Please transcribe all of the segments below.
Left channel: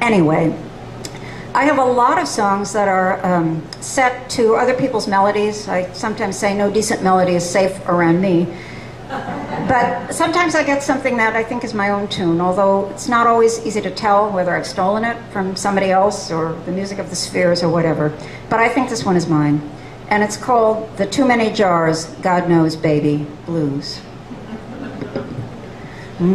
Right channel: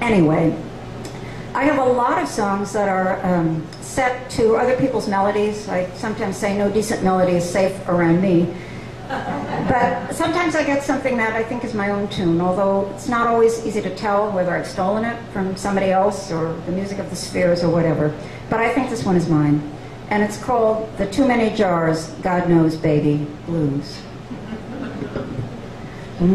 Anyway, I have a lot of songs that are set to other people's melodies. I sometimes say no decent melody is safe around me. But sometimes I get something that I think is my own tune, although it's not always easy to tell whether I've stolen it from somebody else or the music of the Spheres or whatever. But I think this one is mine. And it's called The Too Many Jars, God Knows Baby Blues.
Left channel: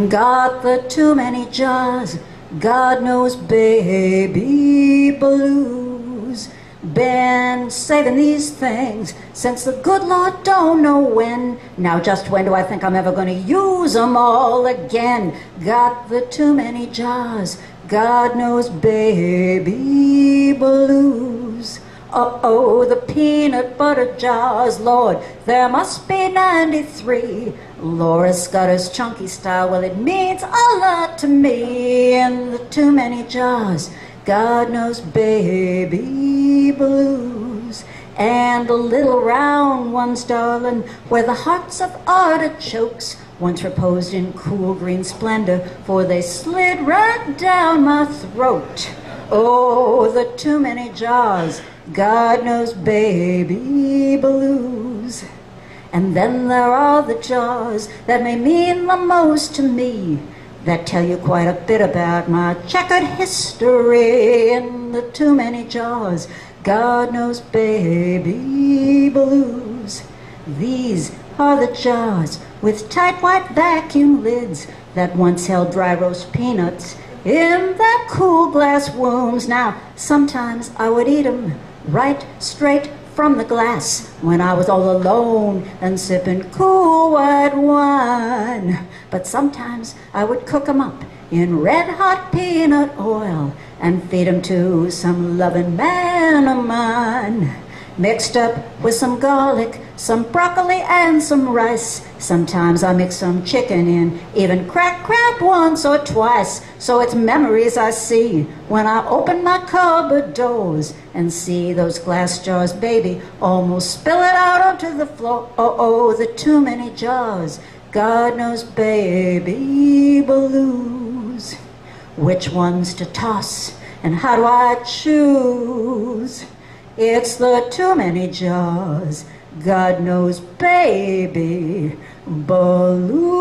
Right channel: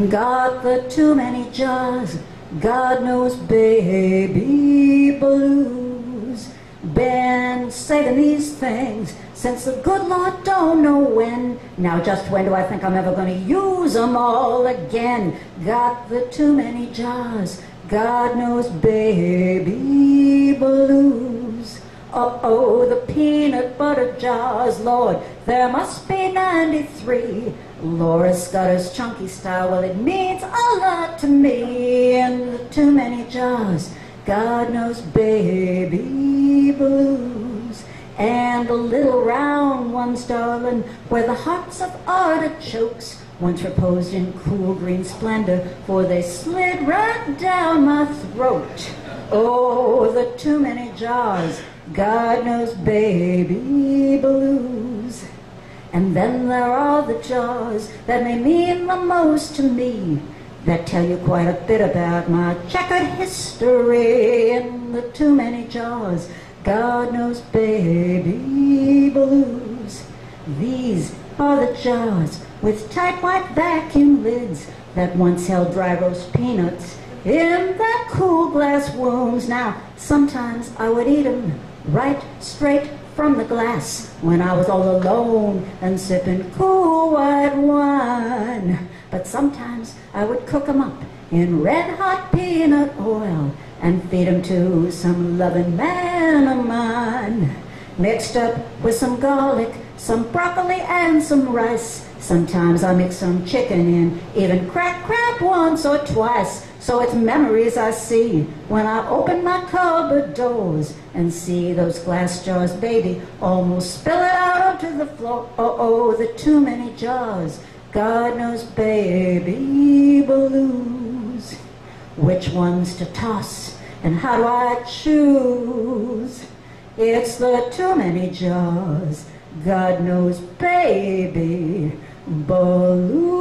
Got the too many jars, God knows baby blues. Been saving these things since the good Lord don't know when. Now just when do I think I'm ever gonna use them all again? Got the too many jars, God knows baby blues. Uh-oh, the peanut butter jars, Lord, there must be 93. Laura Scudder's chunky style, well, it means a lot to me. And the too many jars, God knows baby blues. And the little round ones, darling, where the hearts of artichokes once reposed in cool green splendor, for they slid right down my throat. Oh, the too many jars, God knows baby blues. And then there are the jars that may mean the most to me, that tell you quite a bit about my checkered history. In the too many jars, God knows baby blues. These are the jars with tight white vacuum lids that once held dry roast peanuts in their cool glass wombs. Now, sometimes I would eat 'em right straight from the glass when I was all alone and sipping cool white wine. But sometimes I would cook 'em up in red-hot peanut oil and feed 'em to some loving man of mine, mixed up with some garlic, some broccoli, and some rice. Sometimes I mix some chicken in, even cracked crab once or twice. So it's memories I see when I open my cupboard doors and see those glass jars, baby, almost spill it out onto the floor. Oh, the too many jars, God knows baby blues. Which ones to toss and how do I choose? It's the too many jars, God knows baby blues.